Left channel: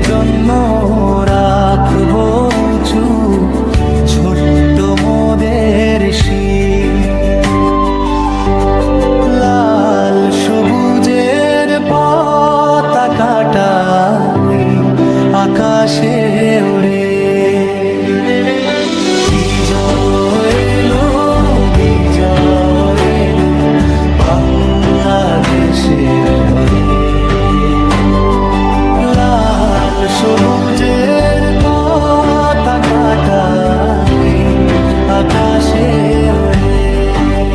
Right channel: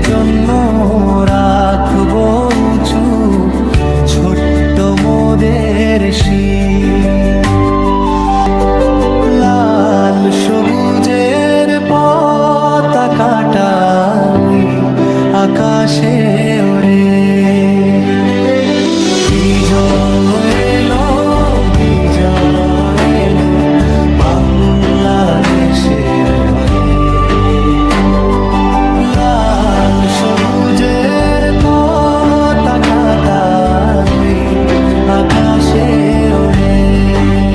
জন্য রাখবো উঁচু ছোট্ট মোদের শির। লাল সবুজের পতাকাটা ওই আকাশে ওরে। বিজয় এলো, বিজয় এলো বাংলাদেশের ঘরে। লাল সবুজের পতাকাটা ওই আকাশে ওরে।